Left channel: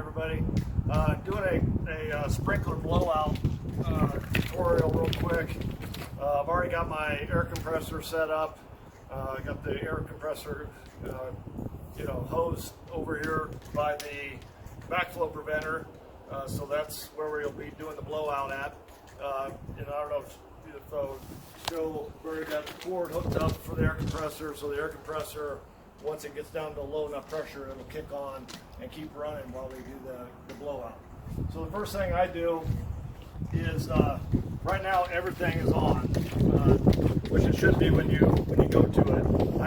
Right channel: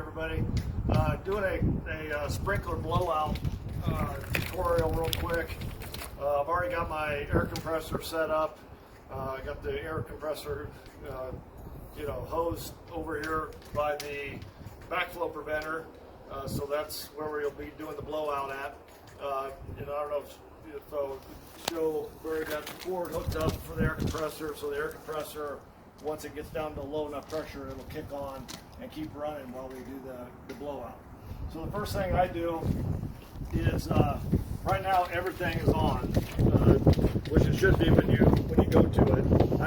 everybody. Doing a sprinkler blowout tutorial real quick. I've already got my air compressor set up. I got the air compressor hose over here by the backflow preventer. So that's where we'll be doing the blowout at. I don't know if show where we got the cord hooked up for the air compressor. So the air compressor, once it gets down to low enough pressure, it'll kick on and keep running while we do the blowout. So the first thing I do is, right now everything is on, which it should be when you go to it. I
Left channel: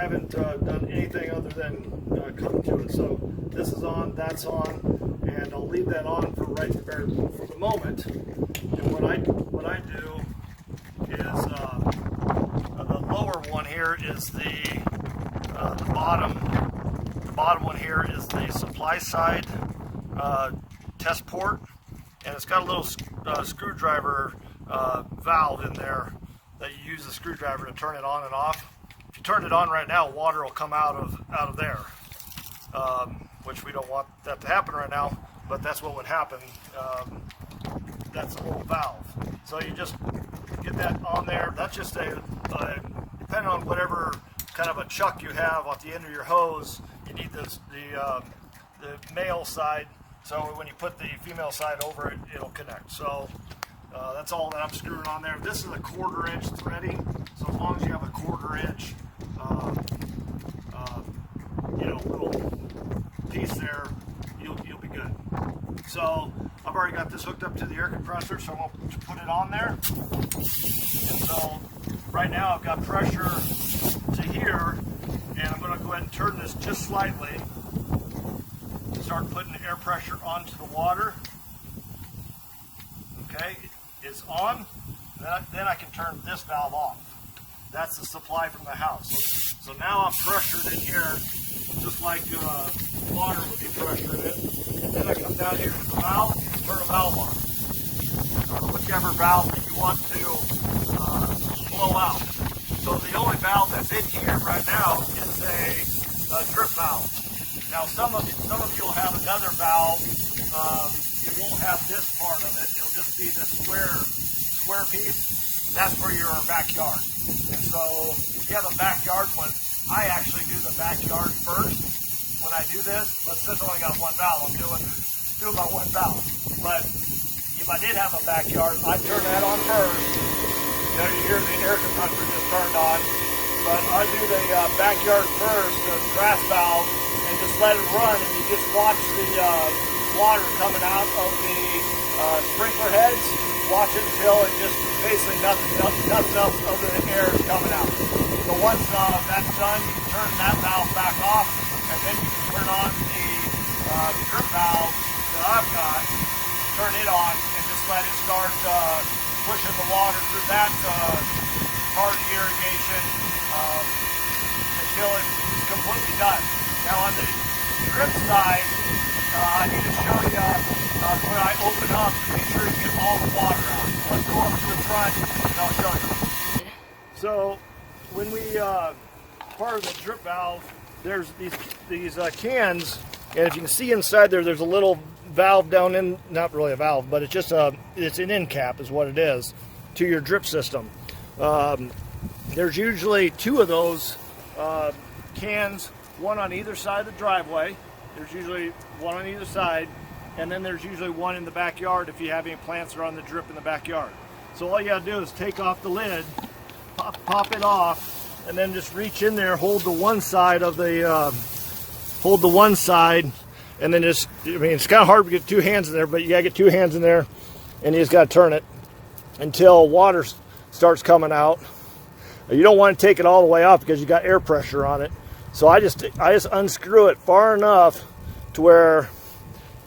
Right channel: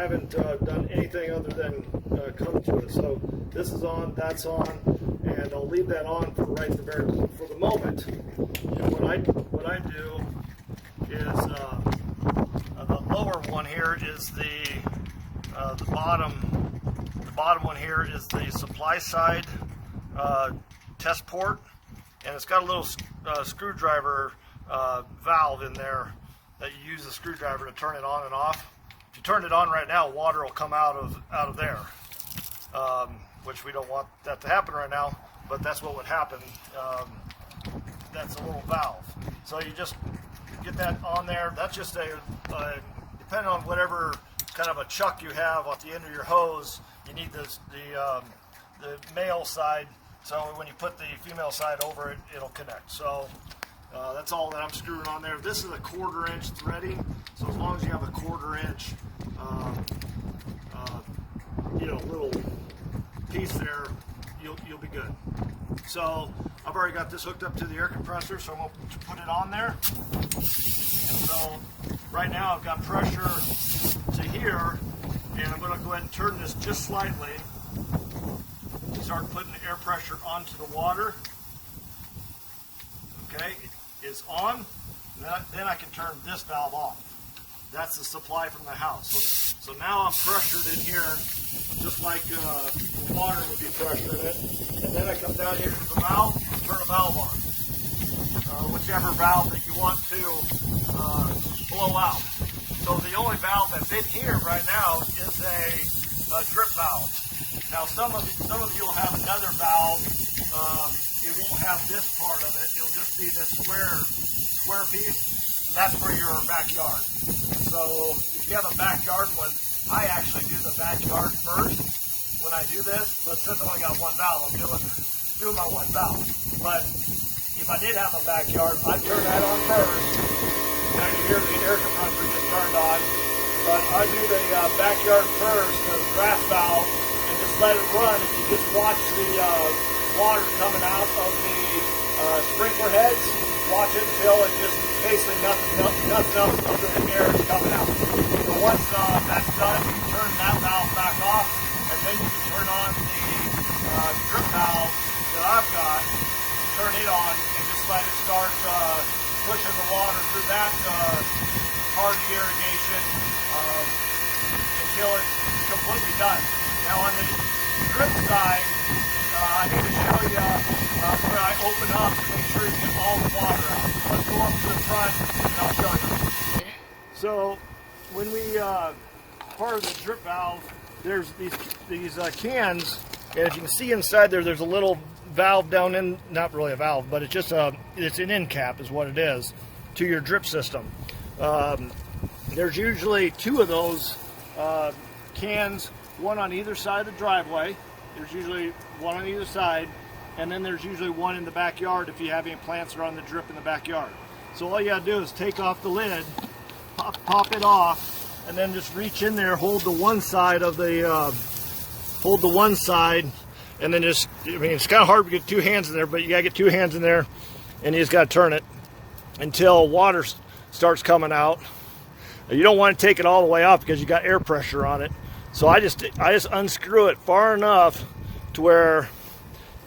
haven't done anything other than come to it. So this is on, that's on, and I'll leave that on for for the moment. And what I do is the lower one here is the bottom. The bottom one here is the supply side test port, and it's got a little screwdriver valve in there that you use the screwdriver to turn it on and off. If you turn it on right now, water will come out of there, which we don't want that to happen right now, but that's what would happen. That's a little valve. So you just get that on there. That's just depending on whatever kind of a chuck you have at the end of your hose, you need the male side. So when you put the female side over it, it'll connect. So that's all that I'm screwing on there. This is a 1/4 inch threading. So as long as you have a 1/4 inch, little piece there, you'll be good. So I've already got this hooked up to the air compressor, so I'm going to put it on there. And so right now I've got pressure to here, and I'm going to go ahead and turn this just slightly to start putting air pressure onto the water. Okay, it's on. Then I can turn this valve off. That's the supply from the house. So now I'm pressured in here, just like water would be pressured in it. And then I come down here to the valve and turn a valve on. Whichever valve that you want to blow out. So the only valve that's in here right now is a drip valve. Now some of you will have another valve. It won't have this part of it. It'll just be this square piece. That's for your backyard. And so if you have a backyard one, I actually do the backyard first when I do this. But since I only got one valve, I'm doing my one valve. But if I did have a backyard, I'd turn that on first. Now you hear the air compressor just turned on. But I do the backyard first, the grass valve, and just let it run. And you just watch the water coming out of the sprinkler heads. Watch it until it just basically nothing else other than air is coming out. So once that's done, you can turn that valve back off, and then you can turn on the drip valve that I've got, turn it on, and just let it start pushing the water through that part of the irrigation until it's completely done. Now on the drip side, I need to show you when I open up, make sure you get all the water out. Let's go up to the front and I'll show you. So when we, part of the drip valve, there's these cans, and if you can see inside there's a little valve down in, not really a valve, but it's just it's an end cap is what it is to your drip system. There's usually 2 of those cans, one on either side of the driveway. There's usually one on either side, and then there's usually one in the backyard if you have any plants that are on the drip in the backyard. So all you gotta do is take off the lid, pop it off, and then just reach in there, hold the one side, and then just, it's kind of hard to get 2 hands in there, but you gotta get 2 hands in there, and you just gotta turn it until water starts coming out. You don't want to take it all the way off because you got air pressure on it. So I just unscrew it far enough to where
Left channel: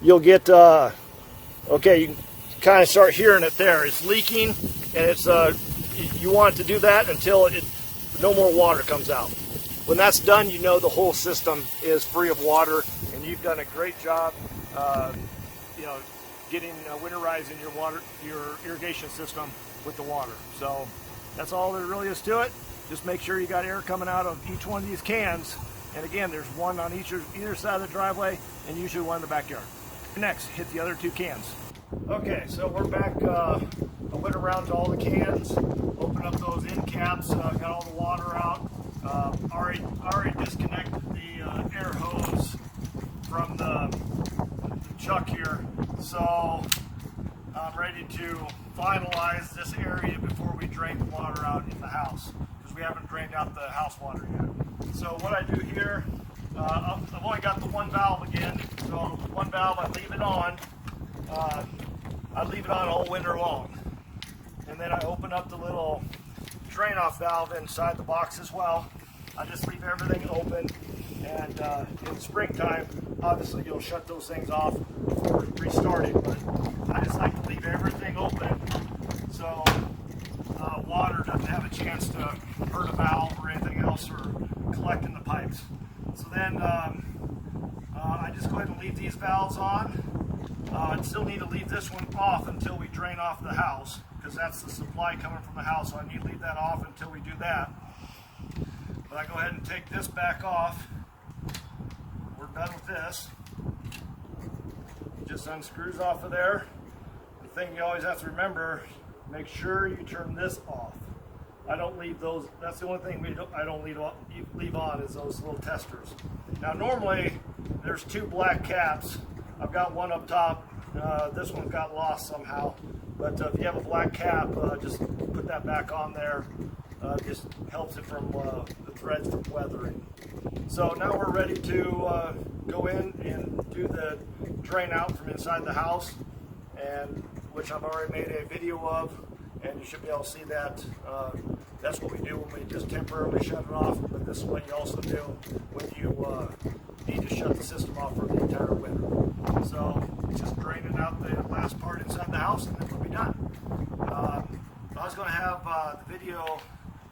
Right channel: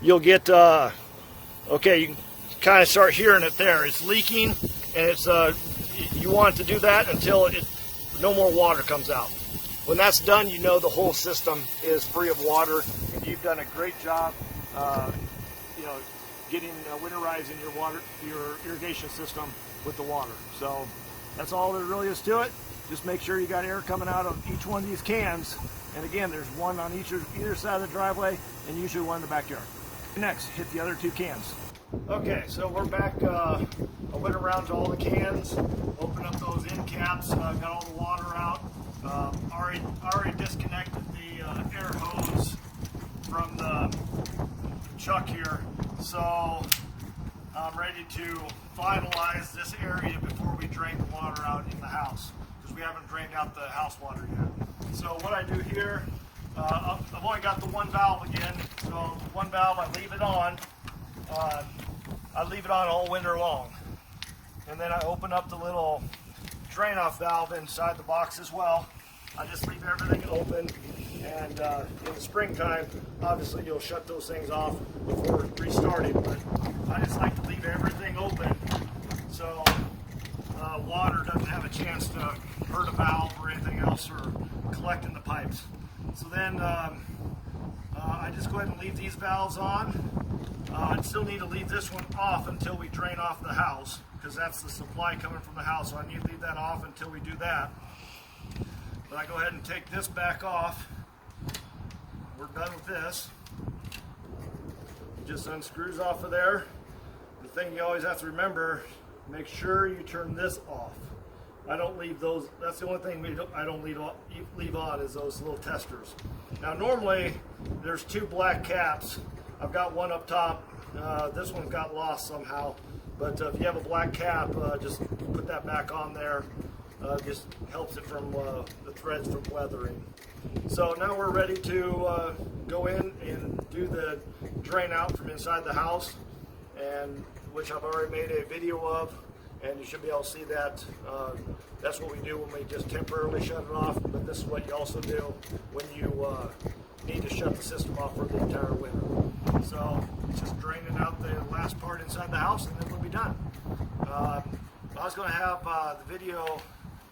you'll get, okay, you can kind of start hearing it there. It's leaking, and it's you want it to do that until no more water comes out. When that's done, you know the whole system is free of water, and you've done a great job, getting winterizing your irrigation system with the water. So that's all there really is to it. Just make sure you got air coming out of each one of these cans. And again, there's one on either side of the driveway, and usually one in the backyard. Next, hit the other 2 cans. Okay, so we're back. I went around to all the cans, opened up those end caps, got all the water out. Already disconnected the air hose from the chuck here, so I'm ready to finalize this area before we drain the water out in the house, because we haven't drained out the house water yet. So what I do here, I've only got the 1 valve again, so the 1 valve I leave it on. I leave it on all winter long, and then I open up the little drain off valve inside the box as well. I just leave everything open, and in the springtime, obviously you'll shut those things off before restarting, but I just like to leave everything open so water doesn't have a chance to hurt a valve or anything else or collect in the pipes. So then I just go ahead and leave these valves on. I still need to leave this one off until we drain off the house, because that's the supply coming from the house, so I need to leave that off until we do that. But I go ahead and take this back off. We're done with this. It just unscrews off of there. The thing you always have to remember, make sure you turn this off. I don't leave those, that's the only thing I don't leave on is those little testers. Now normally there's 2 black caps. I've got one up top. This one got lost somehow. But if you have a black cap, just put that back on there. Just helps it from the threads from weathering. So now we're ready to go in and do the drain out from inside the house, and which I've already made a video of, and you should be able to see that. That's what we do when we just temporarily shut it off, but this is what you also do when you need to shut the system off for the entire winter. So it's just draining out the last part inside the house, and then we'll be done. I was going to have the video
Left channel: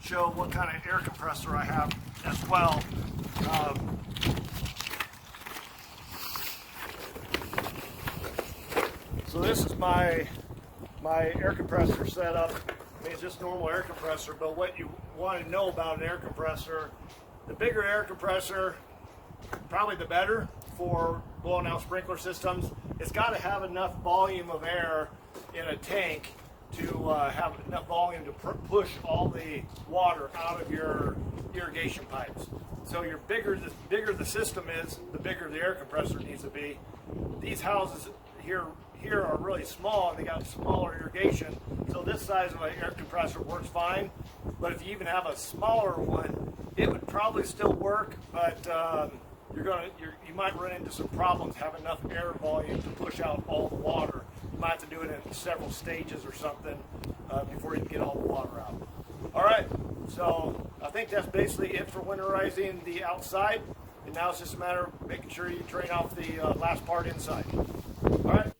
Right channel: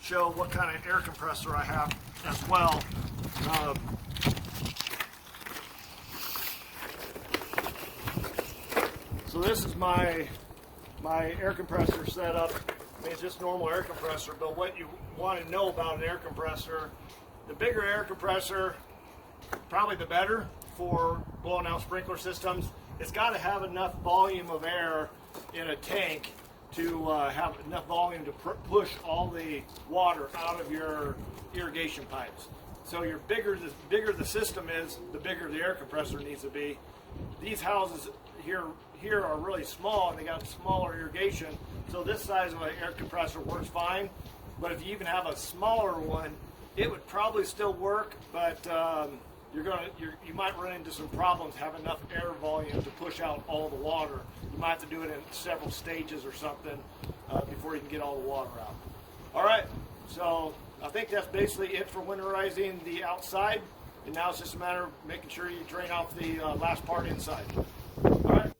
show what kind of air compressor I have as well. So this is my air compressor setup. It's just normal air compressor, but what you want to know about an air compressor, the bigger air compressor, probably the better for blowing out sprinkler systems. It's got to have enough volume of air in a tank to have enough volume to push all the water out of your irrigation pipes. So the bigger the system is, the bigger the air compressor needs to be. These houses here are really small, and they got smaller irrigation, so this size of an air compressor works fine. But if you even have a smaller one, it would probably still work, but you might run into some problems having enough air volume to push out all the water. You might have to do it in several stages or something before you can get all the water out. All right, so I think that's basically it for winterizing the outside, and now it's just a matter of making sure you drain off the last part inside. All right.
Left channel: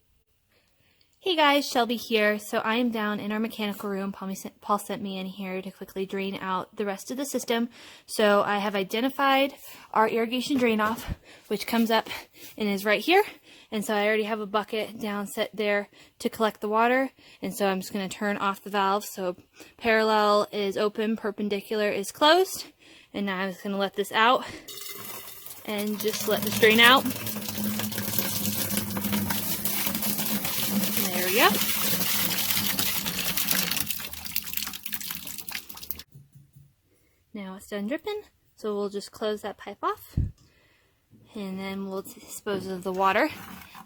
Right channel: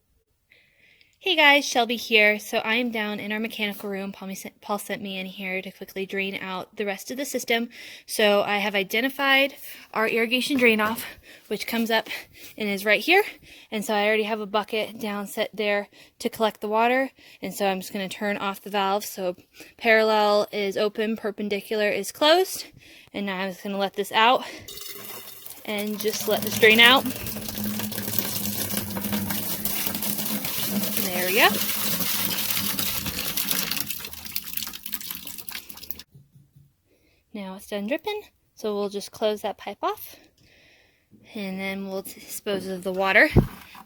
Hey guys, Shelby here. So I am down in our mechanical room. Paul sent me in here to quickly drain out the rest of the system. So I have identified our irrigation drain off, which comes up and is right here. And so I already have a bucket down set there to collect the water. And so I'm just going to turn off the valve. So parallel is open, perpendicular is closed. And now I'm just going to let this out and just let this drain out. There we go. Now it's done dripping, so we'll just close that pipe off, and then we'll dispose of the water,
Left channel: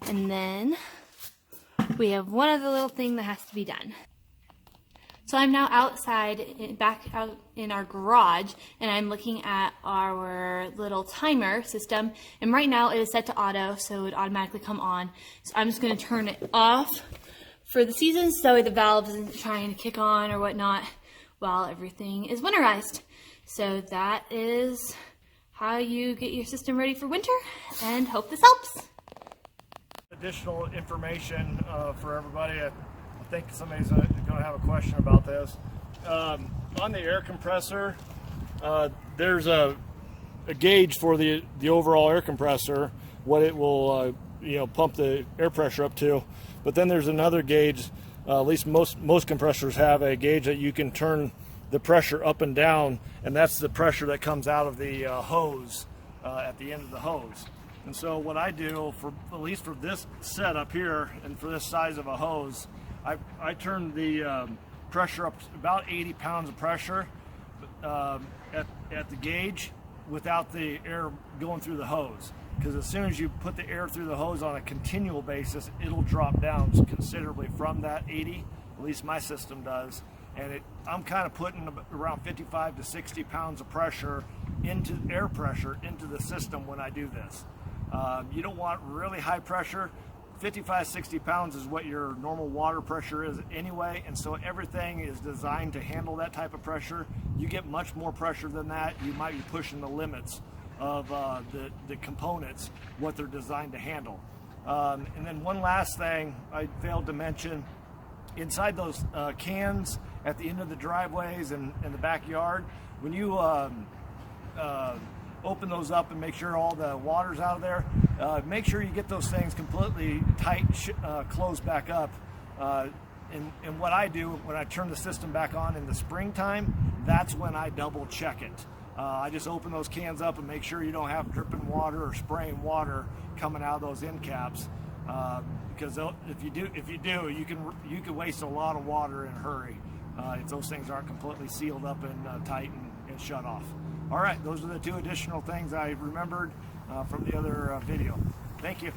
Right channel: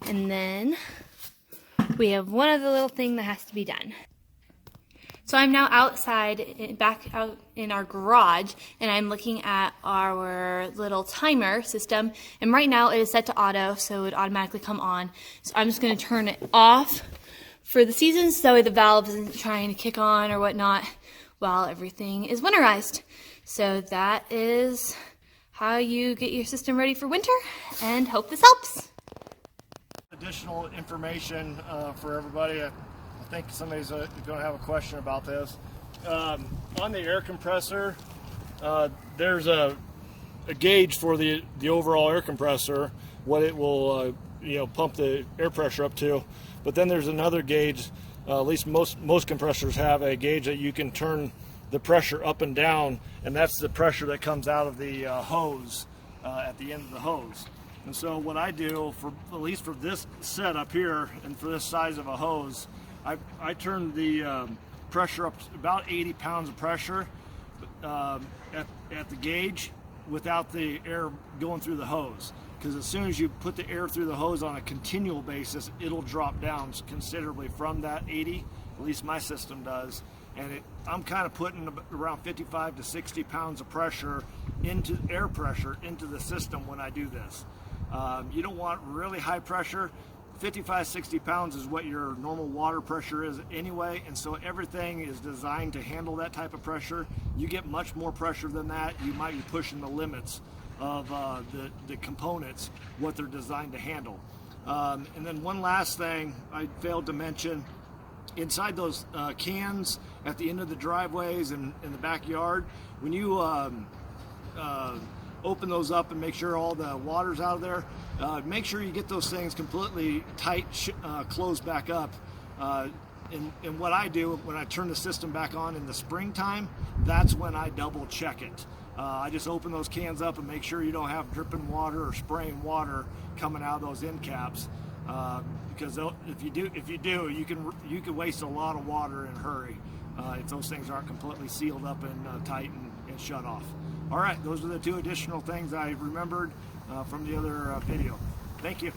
and then we have one other little thing that has to be done. So I'm now outside, back out in our garage, and I'm looking at our little timer system, and right now it is set to auto, so it would automatically come on. So I'm just going to turn it off for the season, so the valve isn't trying to kick on or whatnot while everything is winterized. So that is how you get your system ready for winter, and hope this helps. Additional information for everybody. I think somebody's going to have a question about this. On the air compressor, there's a gauge for the overall air compressor, what it will pump the air pressure up to. But then there's another gauge, at least most compressors have a gauge that you can turn the pressure up and down, and that's the pressure that comes out of the hose at the end of the hose. And so what I do, for at least for this setup here and for this size of a hose, I turn the pressure up to about 80 pounds of pressure at the gauge without the air going through the hose. Because as soon as you put the air through the hose on a continual basis, it'll drop down considerably from that 80, at least my system does. And I'm kind of putting around 55 to 60 pounds of pressure into air pressure into the system when I do this. You don't want really high pressure. 55, 60 pounds is what your normal water pressure is anyway, and so everything is designed to handle that type of pressure. You get much more pressure than that, you might be pushing the limits of the components, what they're designed to handle. And then one last thing I failed to mention, inside those cans at the end of the driveways and in the backyard, when you open those up and make sure all the water's out of there, make sure you get those things completely tight, closed back up. And what I do when I turn the system back on in the springtime, that's when I double check it. I just open those cans up and make sure you don't have dripping water or spraying water coming out of those end caps, because if you do, you can waste a lot of water in a hurry if those things aren't completely sealed up and tight and shut off. All right, those are the two additional things I remembered from the other video. Thank you.